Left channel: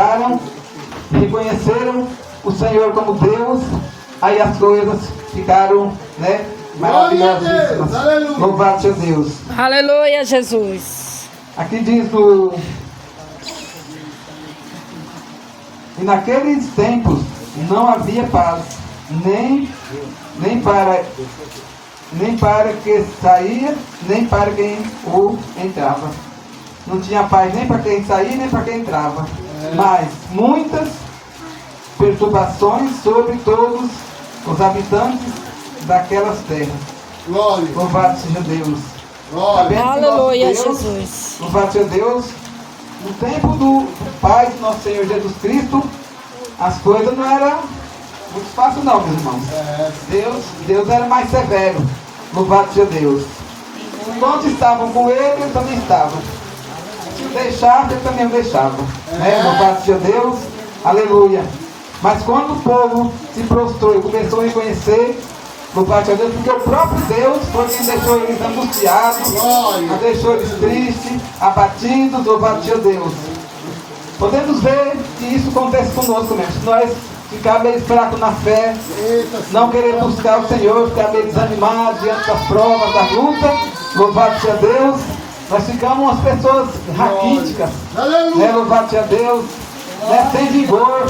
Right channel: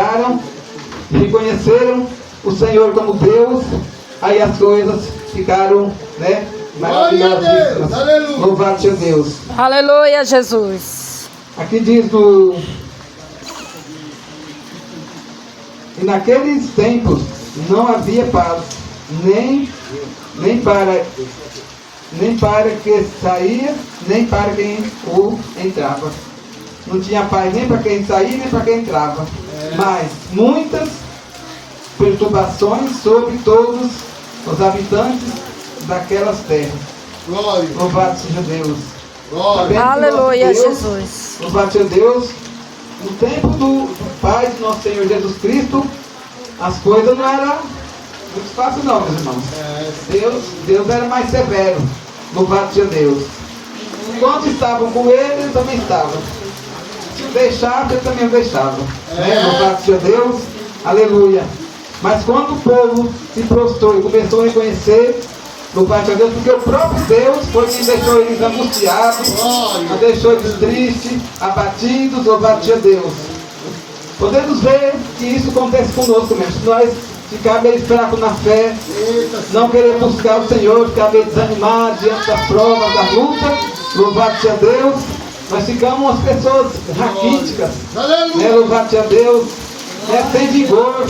entraram, reconheceram o Senhor como Deus, aí as coisas ficaram, né, maravilhosas. Louvado seja Deus. Aleluia, Jesus. Aqui diz e naqueles tempos não havia paz, nem para que saía, nem para quem o entrava. Não tinha paz nem para quem saía, nem para quem entrava. Mas muitas perturbações sobre todos os habitantes daquelas terras. Glória. Louvado seja Deus. Glória. Aleluia, Jesus. Louvado seja Deus. No tempo do Pai de nosso Senhor Jesus Cristo, as coisas não eram muito fáceis não, meus irmãos. Deus era mais severo. Louvado seja Deus. Quando estavam com ele, ele também estava. Se o deixava, ele também o deixava. Louvado seja Deus. Aleluia. Mas quando o povo se prostrou e começou a reconhecer, louvado seja Deus, porque o próprio Deus foi quem deixou eles angustiados, não deixou eles tristes, abatidos, louvado seja Deus. Podemos ver que isso acontece conosco mesmo. Se nós ficar meio fraco na fé, não querer buscar o Senhor, ficar meio desanimado diante das provas, da luta, louvado seja Deus, nós ficamos umas pessoas raquíticas, né? Louvado seja Deus, né? Sem vigor,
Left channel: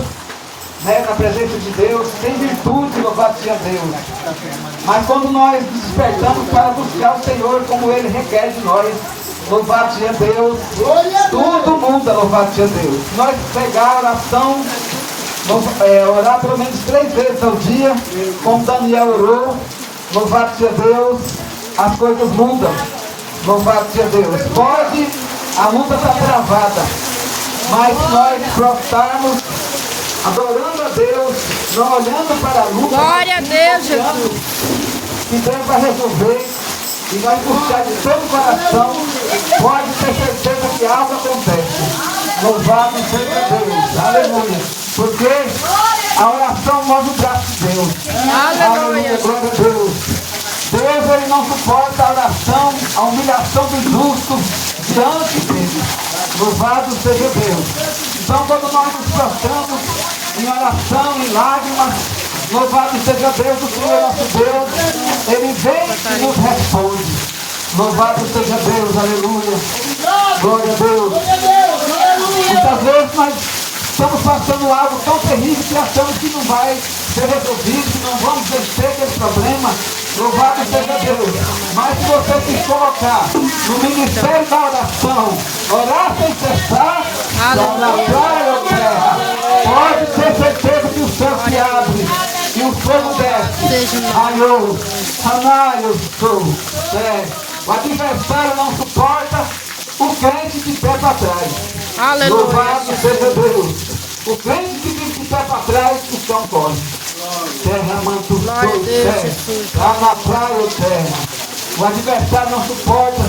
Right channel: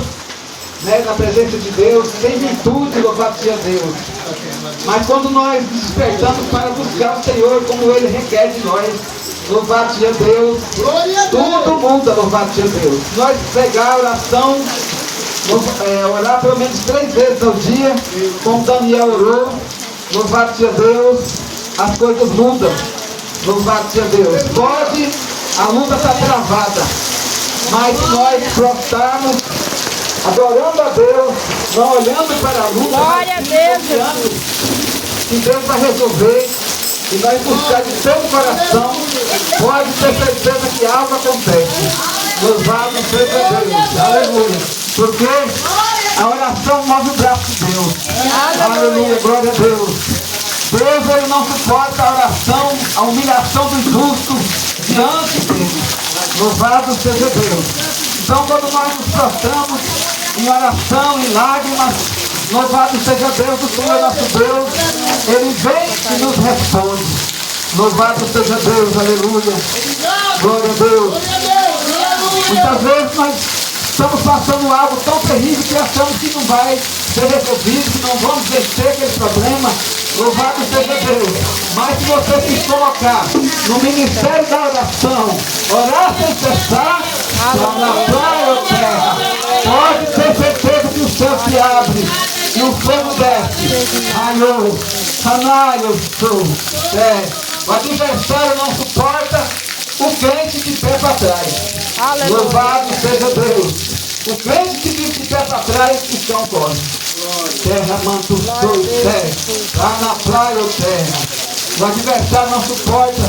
né? Na presença de Deus, sem virtude, louvado seja Deus. Mas quando nós despertamos para buscar o Senhor como Ele requer de nós, louvado seja Deus, tudo muda, louvado seja Deus. Se nós pegar a oração, orar pelo menos 3 vezes ao dia, como Daniel orou, louvado seja Deus, as coisas mudam, louvado seja Deus. Pode, a luta está travada, mas se nós prostarmos, adorando a Deus, não olhando para a luta, Glória a Deus, Jesus. que Deus vai resolver, e nós buscar de todo o coração, pode ter certeza que algo acontece. Louvado seja Deus, aleluia. Porque a oração move o braço de Deus. Aleluia, glória a Deus. Deus, Ele não suporta a oração, a humilhação do justo diante dele. Louvado seja Deus. Então, quando nós nos prostramos em oração, em lágrimas, louvado seja Deus, o Senhor nosso Deus, Ele vem e nos responde. Louvado seja Deus, aleluia. Glória a Deus. Muitas vezes nós estamos passando algo tão terrível que achamos que não vai ser resolvido, que não vamos vencer aquele problema. Louvado seja Deus. Mas se você se colocar no ministério da oração, orar sem cessar, só na praia ou terra, pode ter certeza que o céu se abre e o fogo desce. Aiô, Sanaio, o adversário não suporta o crente de pé para trás. Louvado seja Deus. O crente que fica de pé para trás, o chão corre. Terra, manto, sou, terra. Lá na praia ou terra. O adversário não suporta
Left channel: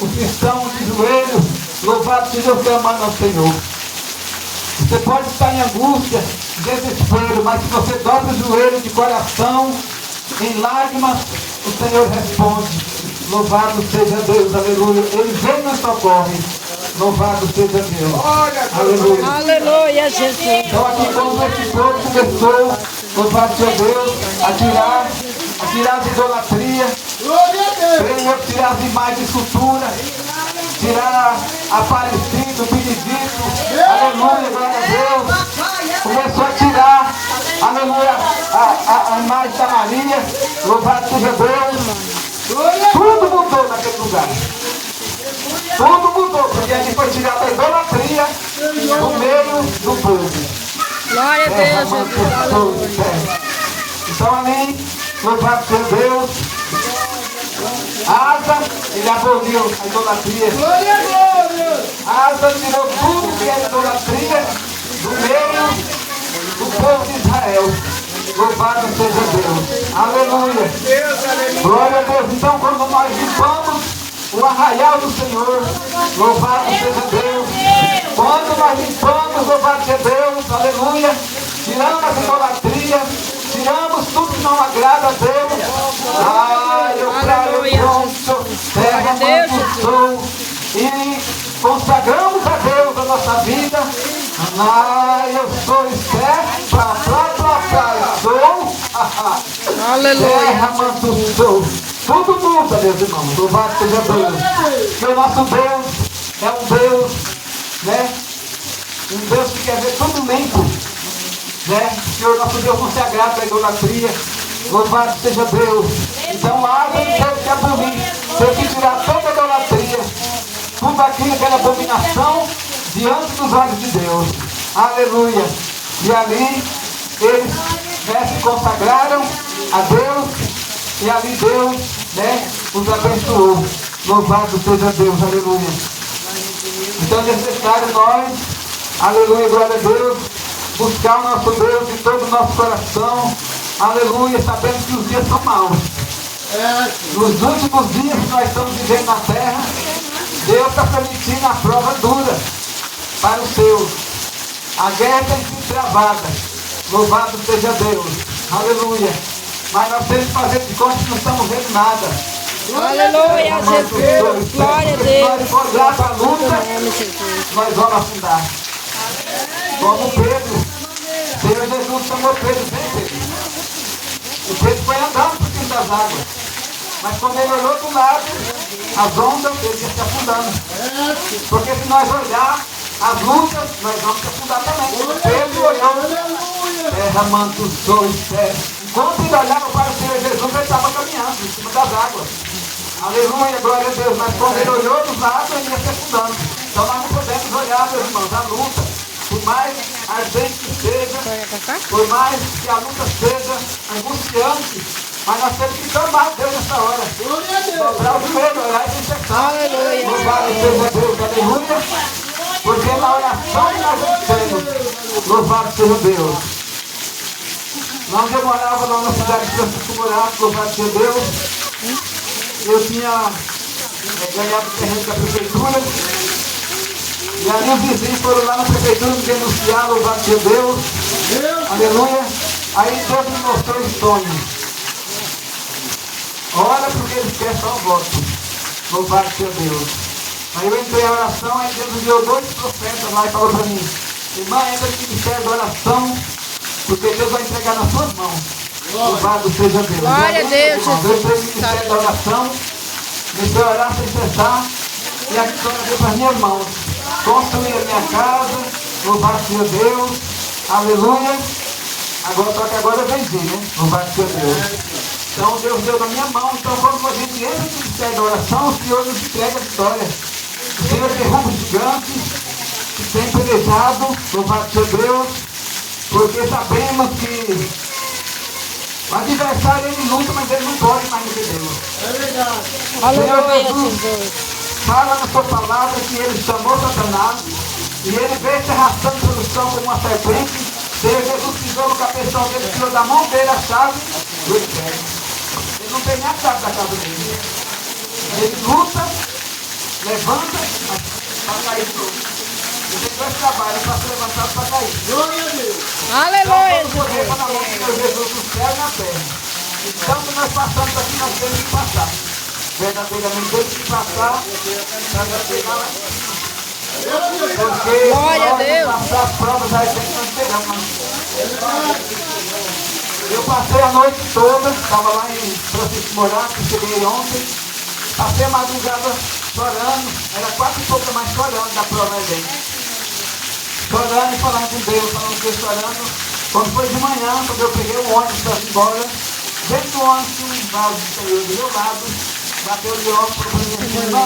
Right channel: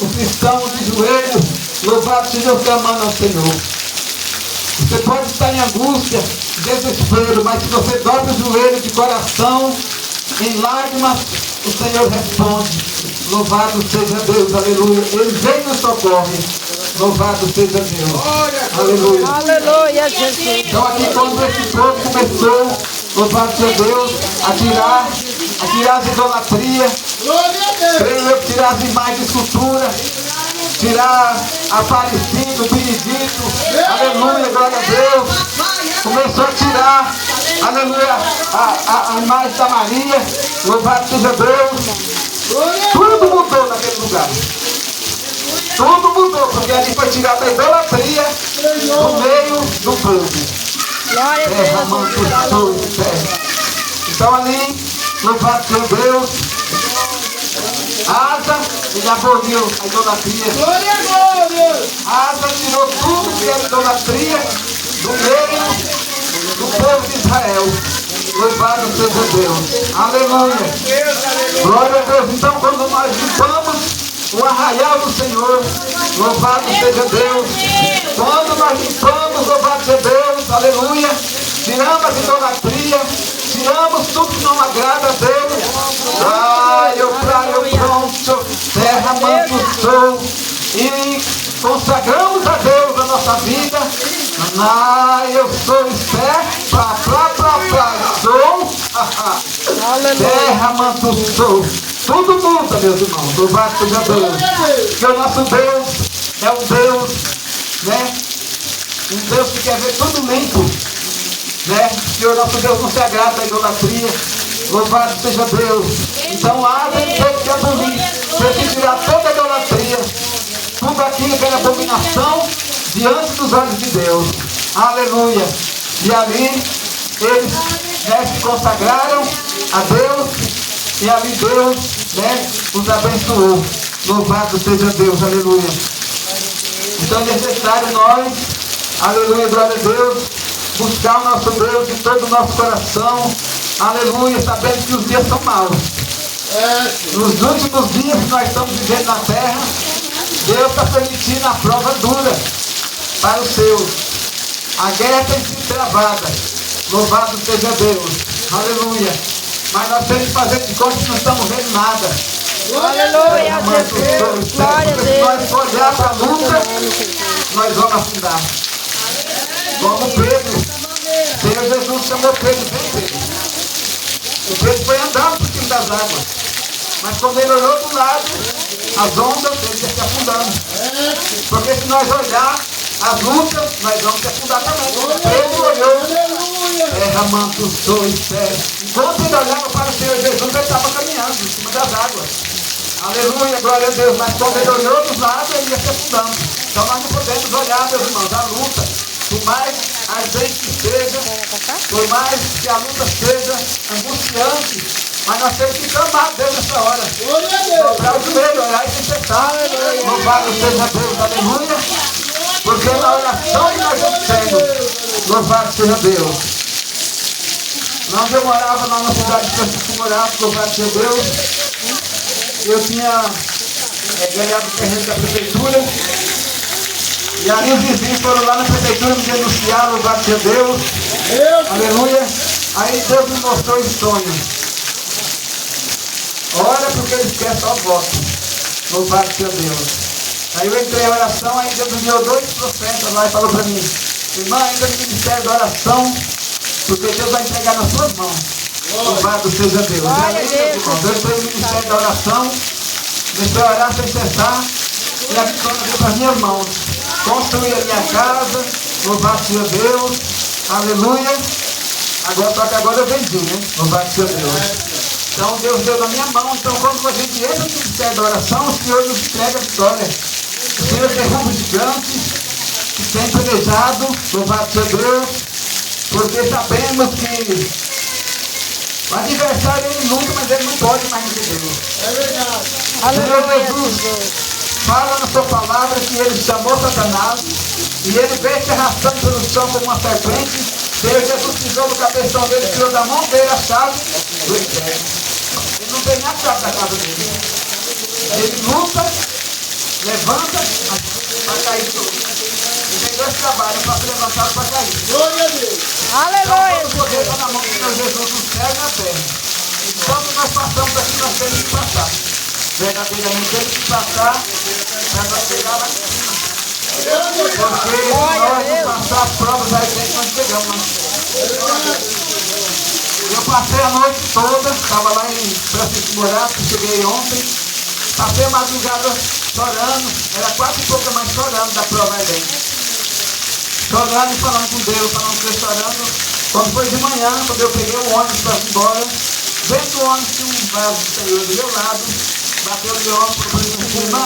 os cristãos de joelho. Louvado seja Deus, clamando ao Senhor. Você pode estar em angústia, desespero, mas se você dobra o joelho de coração, em lágrimas, o Senhor responde. Louvado seja Deus, aleluia. Ele vem e nos socorre. Louvado seja Deus. Aleluia. Aleluia, Jesus. Então aqui quando esse povo começou, louvado seja Deus, a tirar as idolatrias, creio eu, tirar as imagens de escultura, tirar a Aparecida, o Benedito, aleluia, glória a Deus. Começou a tirar, aleluia, a imagem da Maria, louvado seja Deus. Tudo mudou naquele lugar. Tudo mudou, porque ali foi tirada a idolatria do meio do povo. Glória a Terra, Deus, manto, Jesus. sou, terra. Então ali, louvado seja Deus. Asa, ele aboliu a idolatria. Asa tirou tudo que era idolatria do meio do povo de Israel. Louvado seja Deus. Aleluia. Glória a Deus. Então quando nós limpamos o arraial do Senhor, louvado seja Deus. Quando nós limpamos, louvado seja Deus, aleluia. Tiramos a idolatria, tiramos tudo que não agrada a Deus. Praia, pronto, terra, manto, sou. E consagramos a Deus a nossa vida. Eu sou esperto, sou. Aleluia. Terra, manto, sou. Tudo muda, meus irmãos. Louvado seja Deus. Porque o nosso Deus é um Deus, né? Um Deus que quer ver tudo limpo, né? Que o nosso Deus não se agrada da idolatria. Louvado seja Deus. Então haja em Deus que abolir. Tem que tirar toda a idolatria, tudo aquilo que era abominação diante dos olhos de Deus. Aleluia. E ali eles, né, se consagraram a Deus. E ali Deus, né, os abençoou. Louvado seja Deus. Aleluia. Então é necessário nós, aleluia, glória a Deus, buscar o nosso Deus de todo o nosso coração. Aleluia, sabendo que os dias são maus. Nos últimos dias que nós estamos vivendo na terra, Deus está permitindo a prova dura para os seus. A guerra tem sido travada. Louvado seja Deus. Aleluia. Mas nós temos que fazer de conta que não estamos vendo nada. Aleluia, Jesus. Glória a Porque se nós Deus. for olhar para a luta, nós vamos afundar. Como Pedro. Senhor Jesus chamou Pedro, vem Pedro. O Pedro foi andando por cima das águas. Mas quando ele olhou do lado, as ondas, ele ia se afundando. Porque se nós olhar as lutas, nós vamos se afundar também. Pedro olhou, terra, manto, sou e céu. Enquanto ele olhava para o Senhor Jesus, ele estava caminhando em cima das águas. Aleluia, glória a Deus. Mas quando ele olhou dos lados, ele ia se afundando. Então nós não podemos olhar, meus irmãos, a luta. Por mais ardente que seja, por mais que a luta seja angustiante, mas nós temos que clamar a Deus nessa hora. Dobrar o joelho, orar e se fechar. Louvado seja Deus, aleluia. Porque na oração que nós temos, louvado seja Deus. Onde eu morava lá na cidade de Francisco Morato, louvado seja Deus, eu tinha ganhado o terreno da prefeitura. E ali os vizinhos foram lá na prefeitura me denunciar, louvado seja Deus. Aleluia. Aí Deus me mostrou esse sonho. Olha porque eles querem só o voto. Louvado seja Deus. Aí eu entrei em oração, aí Deus enviou 2 profetas lá e falou para mim: irmã, entra no ministério da oração, porque Deus vai entregar nas suas mãos. Louvado seja Deus. Glória a Deus. Eu entrei no ministério da oração, comecei a orar sem cessar, e a vitória veio para as minhas mãos. Construí a minha casa, louvado seja Deus, aleluia. Agora, só que agora eu vendi, né? Louvado seja Deus. Então Deus deu na minha mão. Então quando a gente entra no ministério da oração, o Senhor nos entrega a vitória. O Senhor derruba o gigante que tem planejado, louvado seja Deus, porque sabemos que o adversário ele luta, mas ele não pode mais do que Deus. Aleluia, Senhor Jesus. fala na sua palavra que ele chamou Satanás e ele veio se arrastando pelo chão como uma serpente. Senhor Jesus pisou no cabeção dele, tirou da mão dele a chave do inferno. Ele não tem nem a chave da casa dele. Ele luta, levanta, mas vai cair tudo. Ele tem 2 trabalhos para se levantar e para cair. Então Aleluia, todo poder está Jesus. na mão do Senhor Jesus no céu e na terra. Então que nós passamos aqui, nós temos que passar. Verdadeiramente temos que passar para chegar lá em cima. Porque se Glória a nós Deus. não passar as provas, aí tem que nós chegamos lá. Eu passei a noite toda, estava lá em Francisco Morato, cheguei ontem, passei a madrugada chorando, era 4 e pouco mais chorando da prova ardente. Chorando e falando com Deus, falando com Deus, chorando. Quando foi de manhã, quando eu peguei o ônibus para ir embora, dentro do ônibus tinha um vaso de Senhor do meu lado, bateu o leão, falou para mim assim: irmã,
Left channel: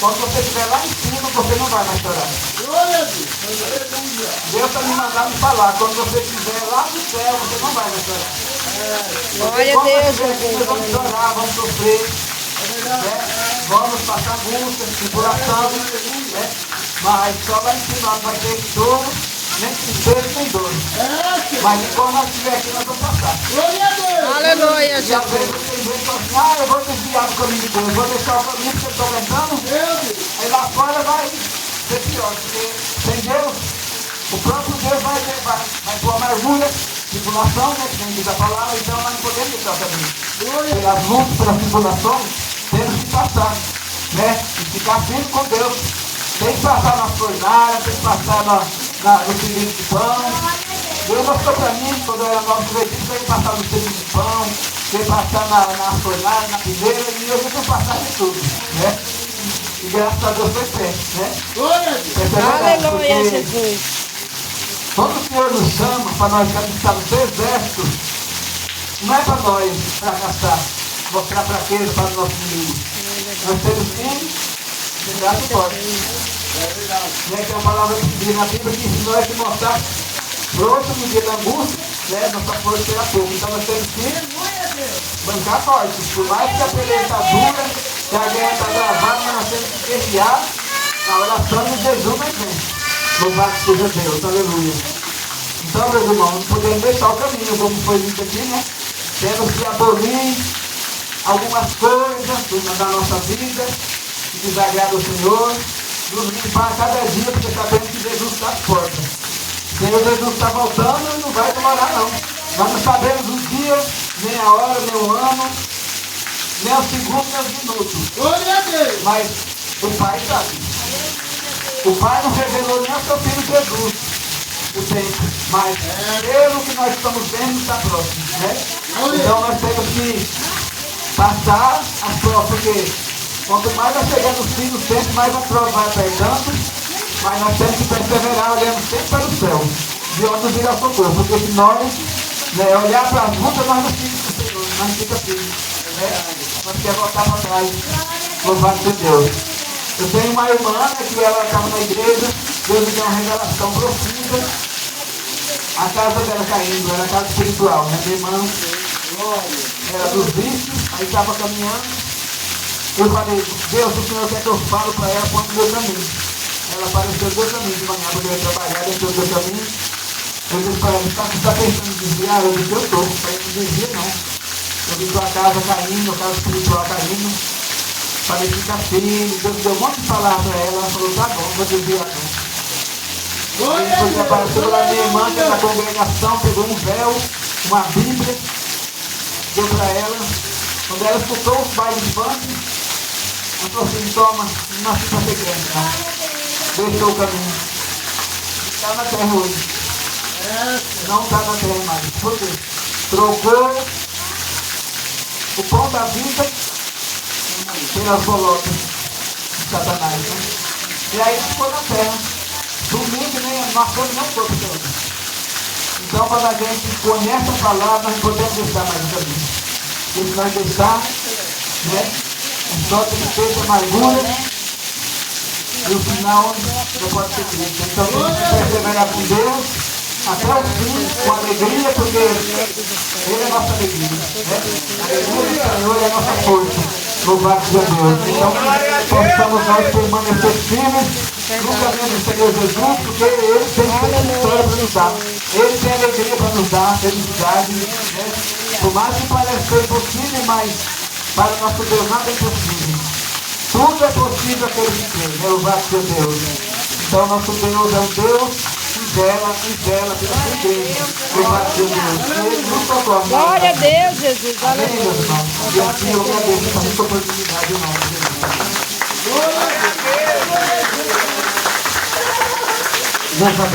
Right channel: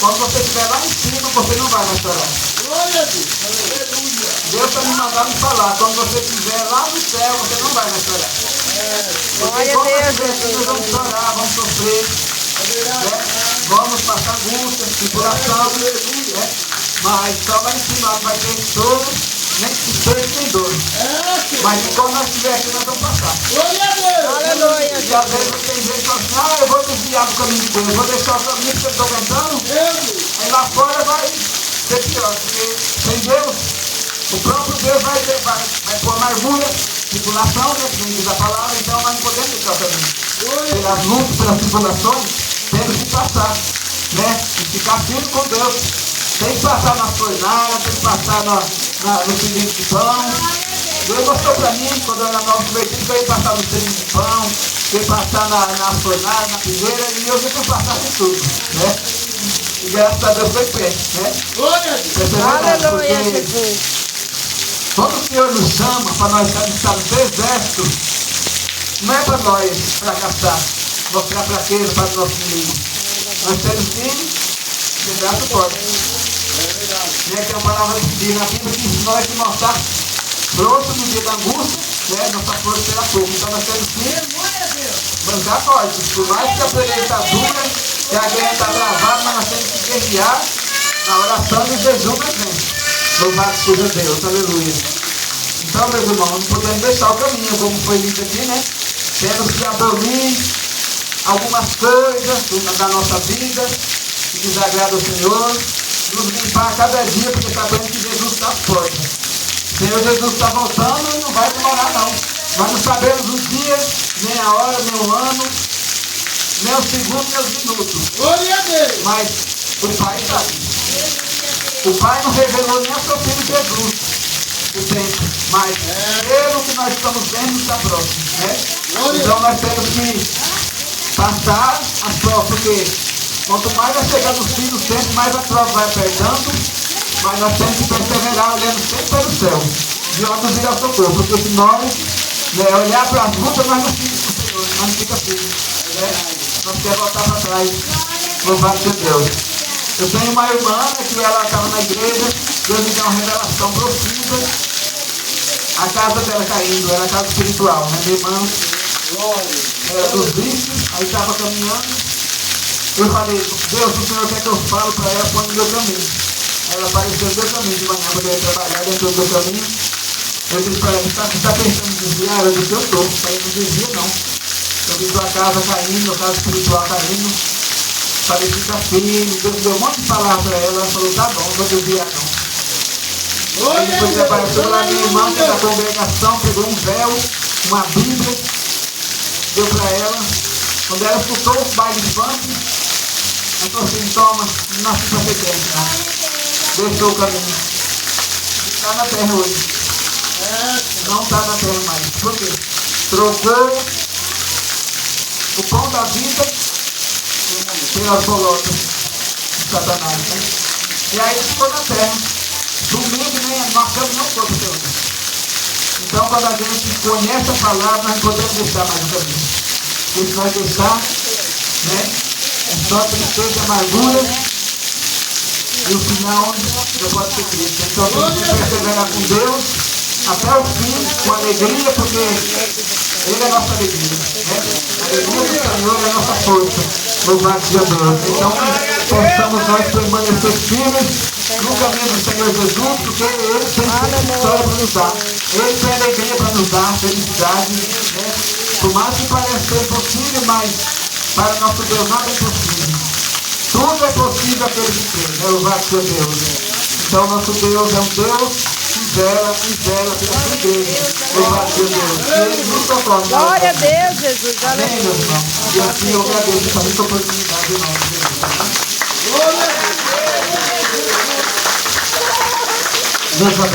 quando você estiver lá em cima, você não vai mais chorar. Deus está me mandando falar, quando você estiver lá no céu, você não vai mais chorar. Porque Glória a quando nós Deus, estiver aqui, nós vamos Jesus. chorar, vamos sofrer, né? Vamos passar angústia, tribulação, né? Mas só lá em cima não vai ter choro, nem tristeza, nem dor. Mas quando nós estiver aqui, nós vamos passar. Aleluia, E às Jesus. vezes tem gente que fala assim: eu vou desviar do caminho de Deus, vou deixar o caminho que eu estou aguentando. Aí lá fora vai ser pior, porque sem Deus, o próprio Deus vai pôr amargura, tribulação, né? Que nem diz a palavra, então nós não podemos deixar o caminho. Pelas lutas, pelas tribulações, temos que passar, né? E ficar firme com Deus. Tem que passar na fornalha, tem que passar no cilindro de pão. Deus mostrou para mim, quando eu era novo convertido, que eu ia passar no cilindro de pão, que eu ia passar na fornalha, na primeira, e eu já fui passar de tudo, né? E graças a Deus foi pé, né? Aleluia, Porque Jesus. quando o Senhor nos chama para nós estarmos no exército, não é para nós fracassar, mostrar fraqueza para o nosso inimigo. Nós temos que chegar a suporte. Né, que é uma palavra que diz na Bíblia que se nós se mostrar pronto no dia da angústia, né, nossa força será pouca. Então nós temos que bancar forte. Por mais que a peleia está dura, que a guerra está travada, mas nós temos que guerrear na oração e no jejum na gente. Louvado seja Deus, aleluia. Então, meus irmãos, não podemos deixar o caminho, como foi lido aqui, né? Temos que abolir algumas coisas da nossa vida que desagrada o Senhor, nos limpar a cada dia, porque sabemos que Jesus está forte. O Senhor Jesus está voltando e não vai demorar, não. Nós não sabemos o dia, nem a hora, nem o ano, nem o segundo, nem os minutos. Glória a Deus. Mas o Pai sabe. O Pai não revelou nem a seu Filho Jesus o tempo, mas pelo que nós estamos vendo está próximo, né? Então nós temos que passar as provas, porque quanto mais vai chegando os fins do tempo, mais a prova vai apertando, mas nós temos que perseverar olhando sempre para o céu, de onde virá o socorro, porque se nós olhar para as lutas, nós não ficamos com o Senhor, nós não ficamos firmes, né? Nós queremos voltar para trás, louvado seja Deus. Eu tenho uma irmã, né, que ela estava na igreja, Deus me deu uma revelação profunda, a casa dela caindo, era a casa espiritual, né? Minha irmã era dos vícios, aí estava caminhando, eu falei, Deus, o Senhor quer que eu falo para ela, põe no meu caminho. Ela apareceu no meu caminho de manhã, quando eu ia trabalhar dentro do meu caminho, eu disse para ela, você está pensando em desviar? Eu disse, eu estou, para ele não desvia não. Eu vi sua casa caindo, a casa espiritual caindo. Falei, fica firme, Deus deu um monte de palavras para ela, ela falou, tá bom, não vou desviar não. Aí depois apareceu lá minha irmã, que é da congregação, pegou um véu, uma Bíblia, deu para ela. Quando ela escutou o baile de funk, ela falou assim, toma, não nasci para ser crente, não. Deixou o caminho. Está na terra hoje. Não está na terra mais. Por quê? Trocou o pão da vida pelas bolotas de Satanás, né? E aí ele ficou na terra. Domingo nem nós estamos não corpo de Deus. Então quando a gente conhece a palavra, nós não podemos deixar mais o caminho. Ele vai deixar, né? Só tristeza, amargura, e o final não pode ser triste. Então temos que perseverar com Deus até o fim, com alegria, porque Ele é a nossa alegria, né? A alegria do Senhor é a nossa força. Louvado seja Deus. Então que possamos nós permanecer firmes no caminho do Senhor Jesus, porque Ele tem vitória para nos dar. Ele tem alegria para nos dar, felicidade, né? Por mais que pareça impossível, mas para o nosso Deus nada é impossível. Tudo é possível aquele que crê, né? Louvado seja Deus. Então nosso Deus é um Deus que vela pela sua igreja. Louvado seja Deus. E Ele nos socorre. Glória a Deus, Jesus. Amém, meus Aleluia. irmãos. E assim eu agradeço essa muita oportunidade, irmão. Deus abençoe.